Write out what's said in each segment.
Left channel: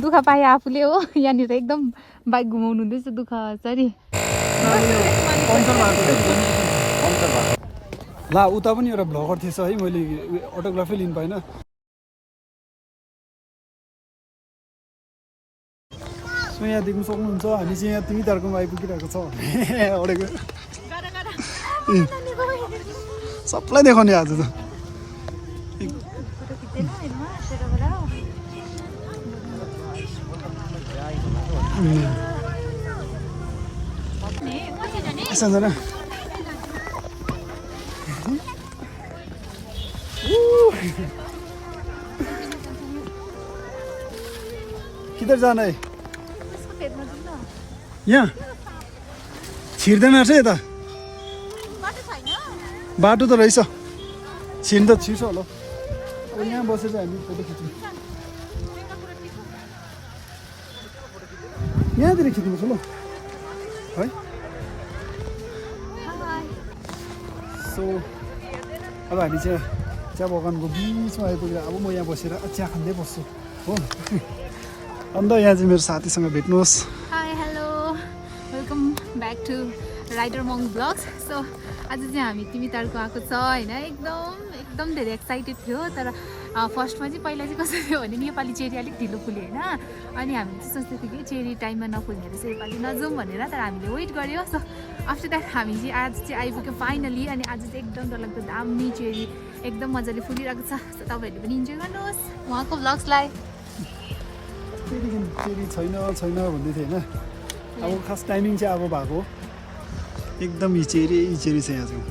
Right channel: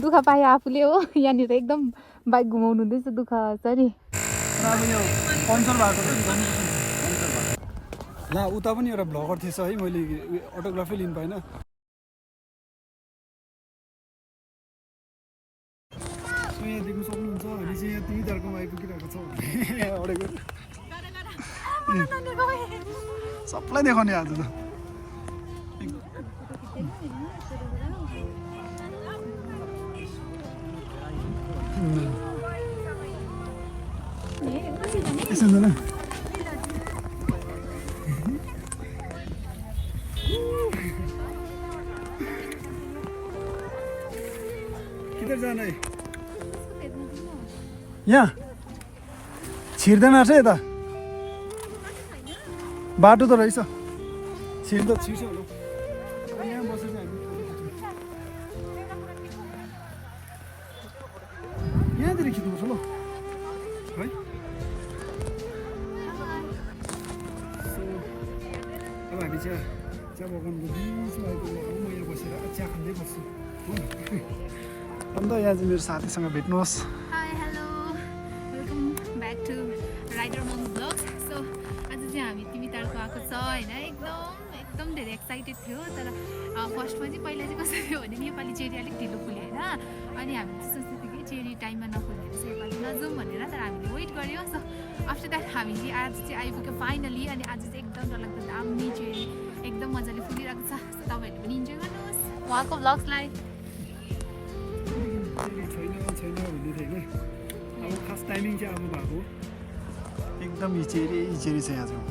दुःख पाए आफूले हो यहाँनिर एकदम बाइक घुमाउनु हुँदैछ दुःख छ नि ला उता पनि एउटा भ्लगर थिएछ है मैले अटोग्राफी लिनु पाइनँ सो यहाँ देख्नु सक्नुहुन्छ हामी चाहिँ यहाँ तिमी तारकोमा आइपुगिरहेको छ अडेको सबलाई देखाउने आज त जाना किधर जाना है यहाँ छिर्दैन रहेछ यता बाटो त रहेछ छिर्नु त छिर्छ होला यहाँ बसेर हामी फोटो खिच्नु यहाँतिर खिच्नुपर्छ ल है सो अब हामी चाहिँ चिया बगानको बिचमा आइपुगेर अब म यहाँ बसेर चिया खाँदै बस्छु हो अन्त यहाँ चाहिँ मेरो साथीसँग भेट्नुहोस् hi hello welcome back to rider Mang blogs so आज चाहिँ हामी तिमी तारको आएको छ होइन एकदम धेरै एक्साइटेड थियो तर फर्स्टमा चाहिँ पहिला चाहिँ कस्तो थियो भने नेपाली चेरी अलिक ढिलो फुल्यो होइन अनि हामीले चाहिँ सोच्दै थियौँ कि चेरी टाइममा नफुल्ने रहेछ योपालि नजाउँ भनेर तर हामीले वेट गऱ्यो सो आफ्टर द्याट हामी चाहिँ आज चाहिँ आइपुग्यो फाइनली अनि आज चाहिँ एकदम डरलाग्दो दामी चेरी एकदम मजाले फुलिरहेको छ सो तपाईँहरूले पनि इन्जोय गर्नुहोस् उहाँको ब्लग्सलाई चेरी छैन भन्दै थियो होइन अब खास टाइमिङ चाहिँ अब भएको एकदम यी चेरी छ यहाँ चाहिँ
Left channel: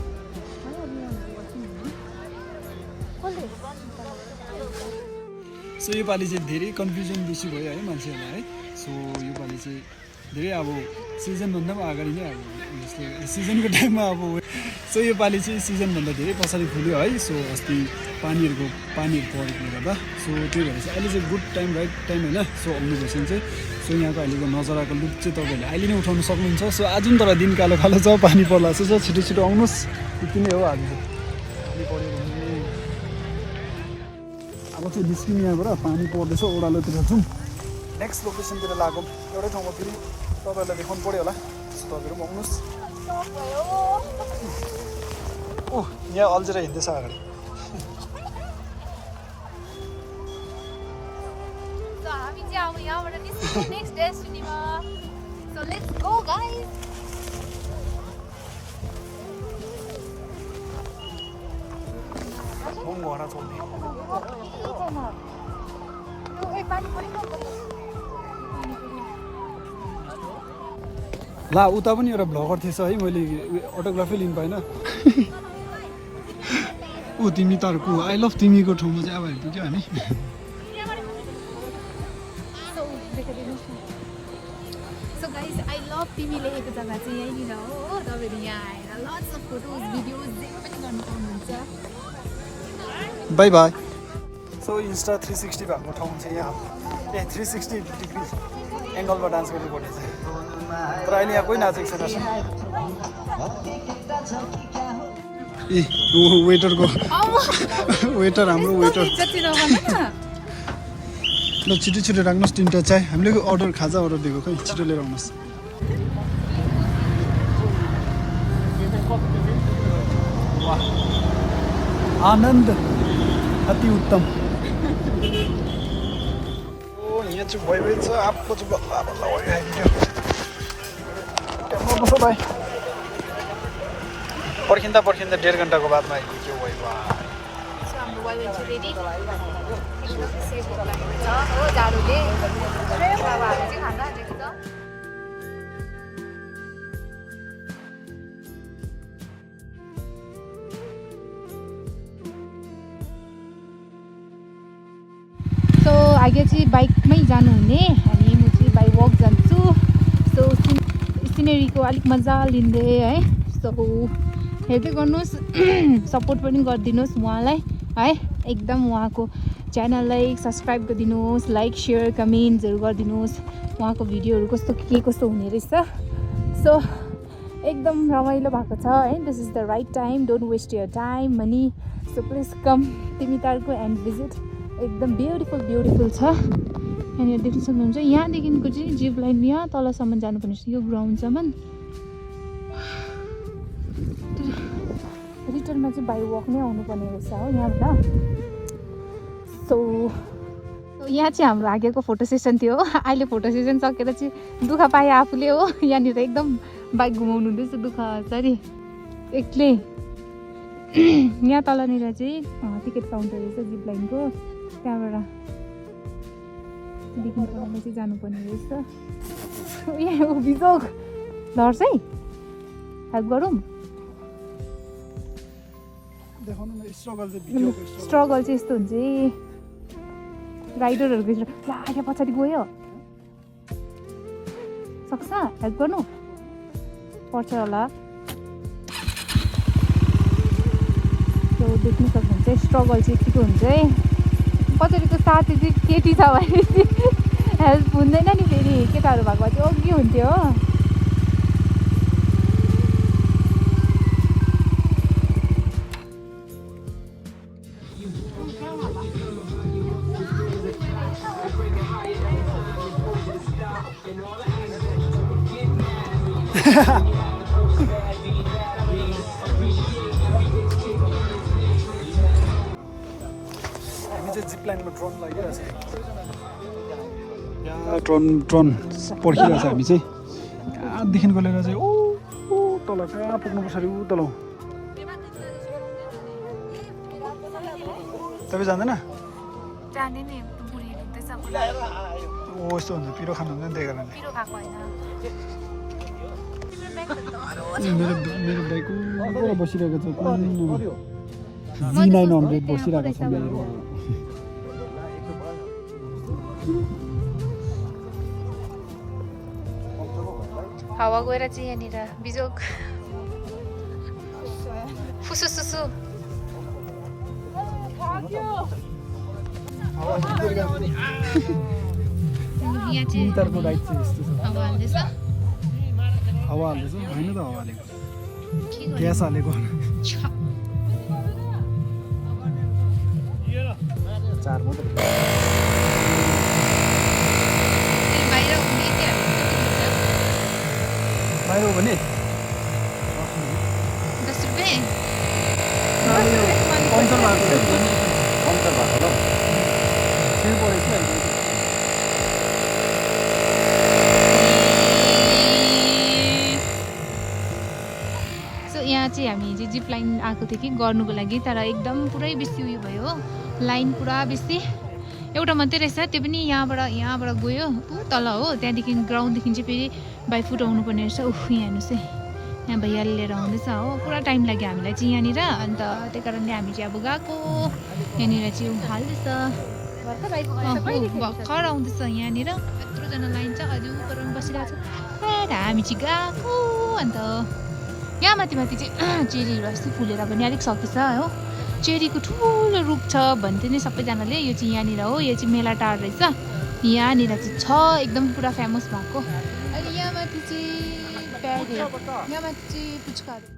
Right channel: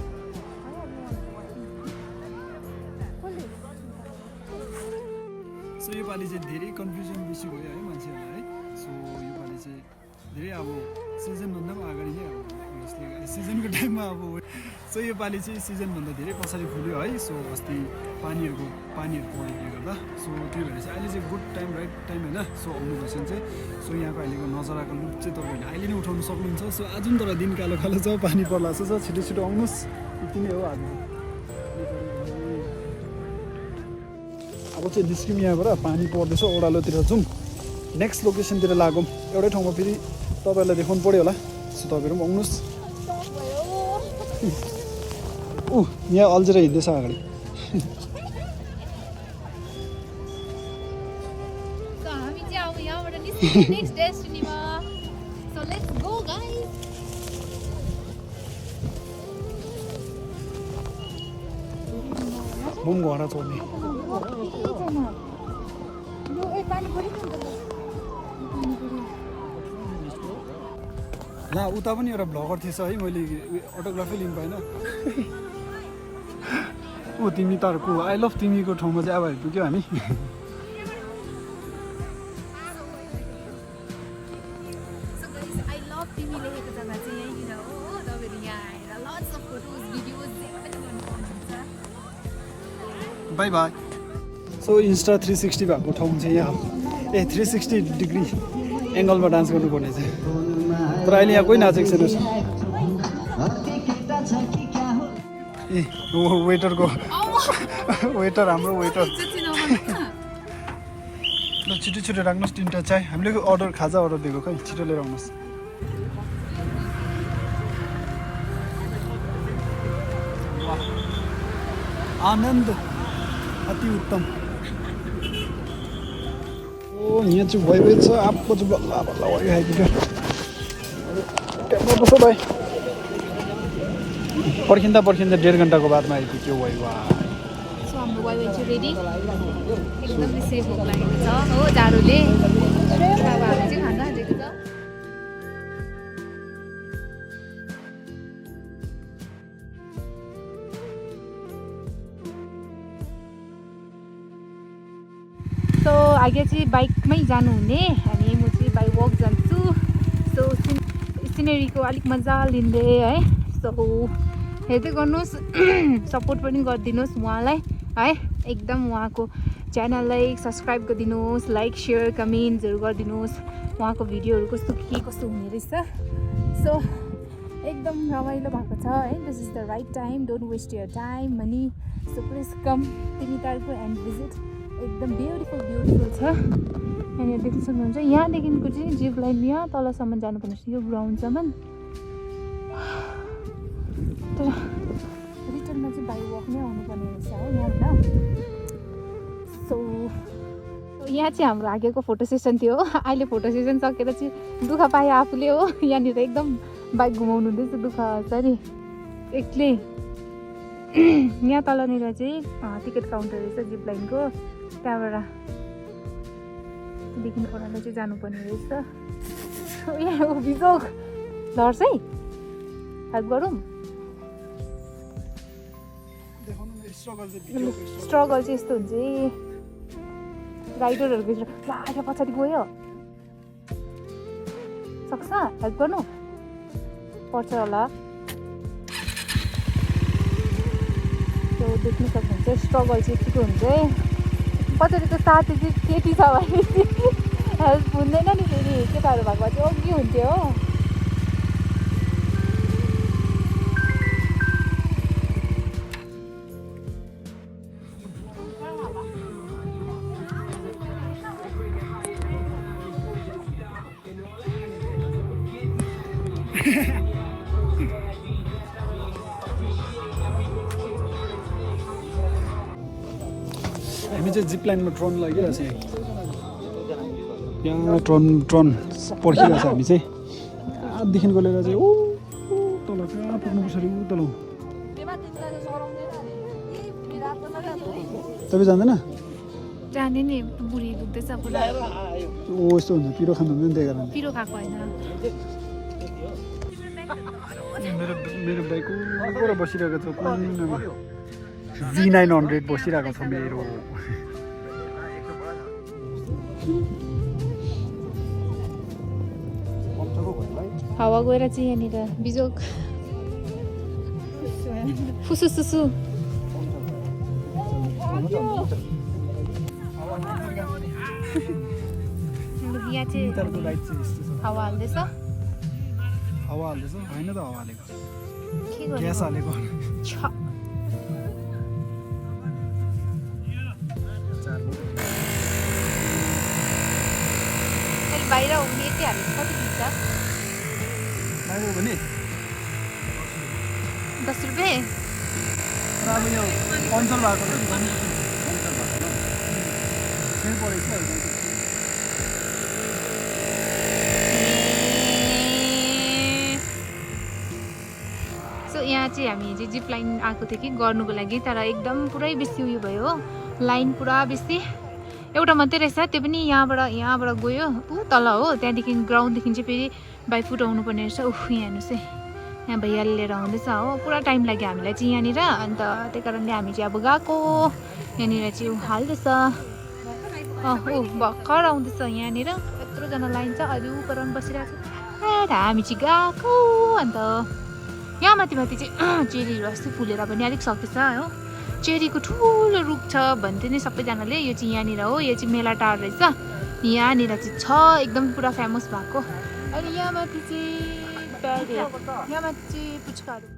सो योपालि चाहिँ धेरै कन्फ्युजन बेसी भयो है मान्छेहरूलाई है सो योपालि चाहिँ धेरै अब सिजनभन्दा पनि अगाडि नै अब जस्तै सिजनको टाइममा अब सो योपालि चाहिँ सिजनभन्दा धेरै पछाडि फुल्यो है सो अस्ति पानीहरू परेकोले गर्दा सो त्यही भएर चाहिँ अहिले चाहिँ गुड टाइम राइट टाइम होइन सो आउनु भएपछि चाहिँ सो यहाँको अहिलेको नजराको लुक चाहिँ तपाईँहरूले अहिले नै उठाउनु सक्नुहुन्छ सो आज पनि तर दिन कालो कालो छ पानी पर्ला चाहिँ छिटो आउनुहोस् यति नै हो आज अब चाहिँ निस्क्यौँ यहाँबाट पानी पर्दैछ ओह्रालोतिर जाउँ नेक्स्ट लोकेसनतिर लागौँ एउटै ठाउँमा फेरि तपाईँहरूलाई देखाउनु पऱ्यो होला सो तपाईँहरू पनि आउनुहोस् यहाँ अल्झेर हिँड्दैछ अगाडि Next destiny ma. So let's go guys. Bung gua na chone. ला उता पनि एउटा भ्लगर थिएछ है मैले अटोग्राफी लिनु पाइनँ ऊ तिमी तारको आई लभ तिमीको ठाउँमा चाहिँ अब आइपुग्यो हामी तिमी लेखेको जग्गा चाहिँ यहीँनिर हो तपाईँहरू यहाँ आएर लट्स अफ फोटोज भिडियोज जे पनि गर्नु पाउनुहुन्छ बाई बाई सो इन्स्टा 360 भएको ठाउँ चाहिँ यहाँ 360 डिग्री एङ्गलमा डान्स गर्नुपर्ने चाहिँ तर अहिले यहाँ कोही नाचेको छैन ए वेटरको वेटर हाम्रो वेटर ल छिटो राख्नुहोस् 3टा चाय हामीले अर्डर खाजा अर्डर दिएको खै छिटो लिएर आउनुहोस् आनन्द अति उत्तम यहाँ चाहिँ भइरहेछ आपको चाहिँ बस्छ भाइ पर्खिँदा 1.5 घन्टाको बादमा आइपुग्यो आगे चाहिँ बाइकमै जानुहुने अनि म चाहिँ बाई वक जान्छु सो सिनेरीको अलिक मजा लिँदै है सो हेर्दै गर्नुहोस् सपोर्ट पनि गरिदिनुहोस् उहाँलाई है एकदम उहाँको च्यानललाई सब्सक्राइब गरिदिनुहोस् लाइक सेयर कमेन्ट्सहरू गरिदिनुहोस् उहाँको भिडियोहरू कस्तो हुने रहेछ सो एकदम रमाइलो भएको छ है this is the right time don't waste your time money so please come तिमी तारको एन्ड भिजिट एकदम ब्युटिफुल छ यहाँनिर देख्न सक्नुहुन्छ यहाँदेखिको चाहिँ जिप लाइन यहाँ तलसम्म जानुपर्ने रहेछ यो ग्राउन्डसम्म रिटर्नमा चाहिँ बाई वक नै आउनुपर्ने रहेछ हो यहाँबाट सो यहाँ चाहिँ हाम्रो आगेको फोटो सेसन थियो अहिले फोटो सेसन सकेर चाहिँ दुःख पाएँ आफूले हो यहाँनिर एकदम बाइक घुमाउनु हुँदैछ दुःख सरी एक्लै यहाँ तलनिर चाहिँ टिकट काउन्टर रहेछ जिप लाइनको त्यहाँबाट देखि ओह्रालो चाहिँ जानुपर्ने रहेछ यहाँ बिजोग लड्छ है हेल्प गरौँ स्ट्रगल चाहिँ यस्तो हुन्छ है राइडरहरूको यहाँ पछाडि गयो सक्छ हेल्प गर्नु पर्छ होला त्यो देख्न सक्नुहुन्छ स्ट्रगल चाहिँ यतिको हुन्छ है पछाडिको साथी चाहिँ केटी छ भने हेल्प हुँदैन नि फेरि केटाहरू भएको भए चाहिँ अघि हुन्थ्यो हो हामी चाहिँ जिप लाइनमा ड्रोन लागिरहेको छ यहाँ ड्रोन पर्खिरहेको छ हामी चाहिँ कहाँदेखिको लिएर चाहिँ ओ तल कहाँ पुग्नुपर्छ अरे ऊ तल तपाईँ जाँदैन जाने नि बुढी दुख्दैछ पुरा ओ यस्तो हुन्छ पिरो खानु हुँदैन त्यही कारण पिरो खाएको होइन मेरो बाइक ऊपर बसिरहेको छ कुनमा V900 बसिरहेको छ मेरो हावा गएर चाहिँ यहाँनिर बिजोक फुसुसुसु यहाँ चाहिँ हावा हाल्दैछ हावा हाल्दैछ होइन त हावा हालेको ग्यास हालेको बाहिर हुने चाहिँ बाहिर हो भने 10 रुपियाँ पम्चर भएको सो यहाँ चाहिँ हामी चाहिँ जिप लाइन आएको थियो कि गर्नुको लागि तर एकदम पुरै बेसी उयो भयो हो लाइन पुरा बेसी एउटा मात्रै रहेछ त्यो पनि यहाँबाट गयो ऊ तल हो त्यहाँदेखि ग्राउन्डदेखि चाहिँ फेरि बाई फुट आउनुपर्ने रहेछ यहाँ हेर्नुहोस् है यहाँ भैयाले लिएर आउँदैछ हो पुरा टाइम लाग्यो हामीलाई चाहिँ यहाँनिर अन्त त्यही कारणले हामी चाहिँ अब गएको यहाँनिर चाहिँ हाल्दैछ भर्खर आउँदैछ यहाँनिर यत्रोजना लाइन छ अहिले ऊ गराउनु बसिरहेको छ हामी चाहिँ गएको अन्त यहाँ माथि चाहिँ चेरीहरू अस्ति फुलेर पनि अलिक सकेछ हो चेरीको ठुलो रुख छ भन्थ्यो नि सबैजनाले यो चाहिँ यहाँनिर हो यो चाहिँ मेला टार रहेछ यहाँनिर चाहिँ छ एकदम पुरा फेमस भएको अहिले यहाँ माथि चाहिँ ब्याग यहाँ माथि चाहिँ पुच्काहरू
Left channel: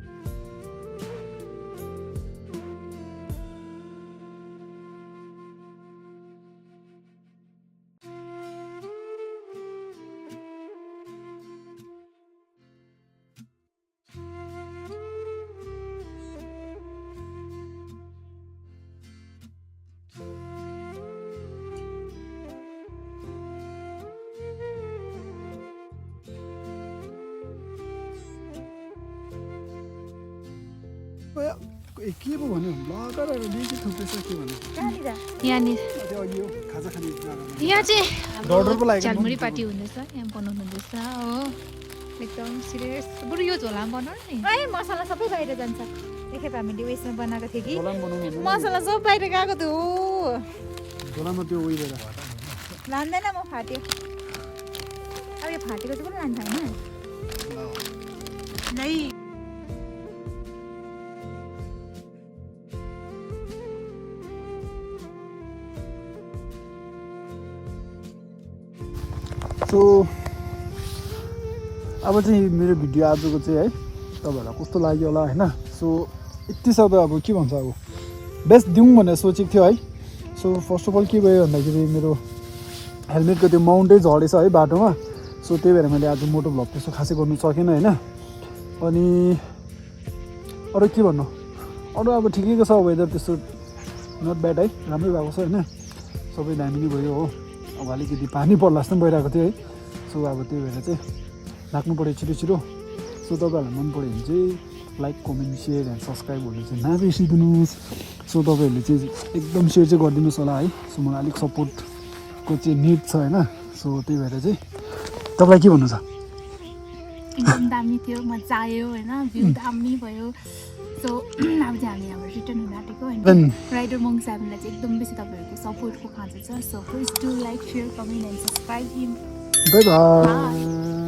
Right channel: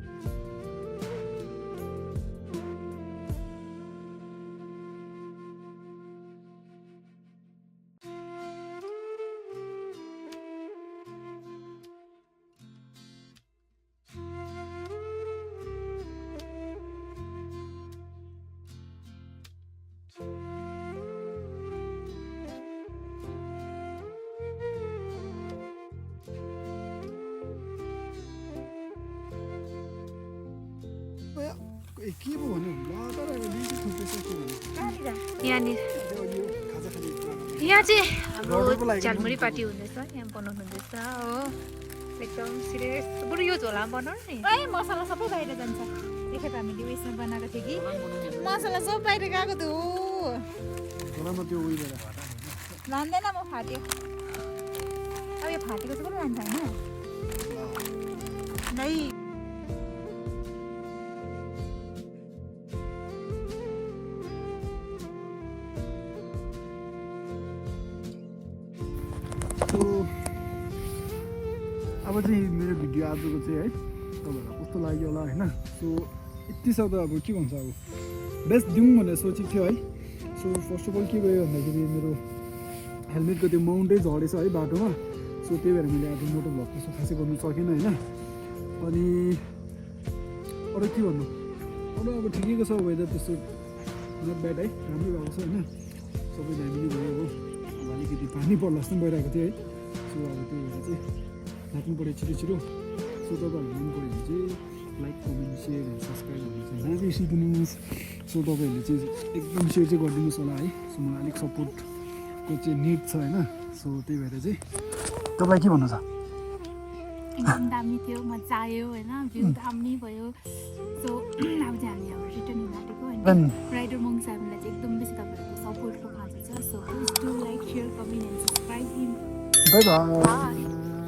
के पो भन्यो यहाँनिर यहाँ चाहिँ झालमुरी पार्टी हुँदैछ यहाँ बनाउनु हुँदैछ हो एकदम सिरियस बरु यो झोलामा बनाउनु नि मसला सबै बाहिर जान्छ एकखेप हामीले उयसमा बनाएको थियो कि मसला सब बाहिर गएको थियो लाँदैन म फाट्यो अब यो फाटेको चाहिँ पनि लान्छ होइन नै सो अब चाहिँ मेरो भिडियो आजको चाहिँ है तपाईँहरूलाई कस्तो लाग्यो होला होइन सो यति सब अब के भन्छ अब बेस्ट दिउँ भनेर सोचेको थियो है सो फर्स्ट अफ अल के भयो भन्दाखेरि मेरो हेलमेटको त्यो माउन्टै झरेछ है बाटोमा। सो त्यही भएर मैले आज मोटो भ्लग त्यस्तो खासै गर्नु सकेन होइन। अनि अरू के भन्नु, अरू अब ठिकैको छ वेदर, त्यस्तो नट ब्याड है, राम्रै भएको छ होइन, सबै दामी नै भयो हो। अब अलिकति पानी पर्ला जस्तो पनि भइरहेको थियो है। सो अब त्यही भएर चाहिँ राख्नु पऱ्यो छिटो छिटो। सो तपाईँहरूलाई मन पऱ्यो भने चाहिँ like comment share and subscribe गर्नु चाहिँ नबिर्सिदिनुहोस्। सो तपाईँहरूले चाहिँ एकदम सेयर चाहिँ गरिदिनुहोस् होला है। सो मलाई अलिक सपोर्टको चाहिँ निड छ होइन। सो त्यही भएर चाहिँ तपाईँलाई के भन्नु छ? एकदम दामी थियो, मजा आयो होइन, भ्यू दामी भयो। सो अब चाहिँ हामी अब रिटर्न हुन आँटेको होइन। राइडर मङ सेभेनलाई चाहिँ एकदम बेसी तपाईँहरूको सपोर्टको खाँचो छ। So please do like, share, comment and subscribe him. By by.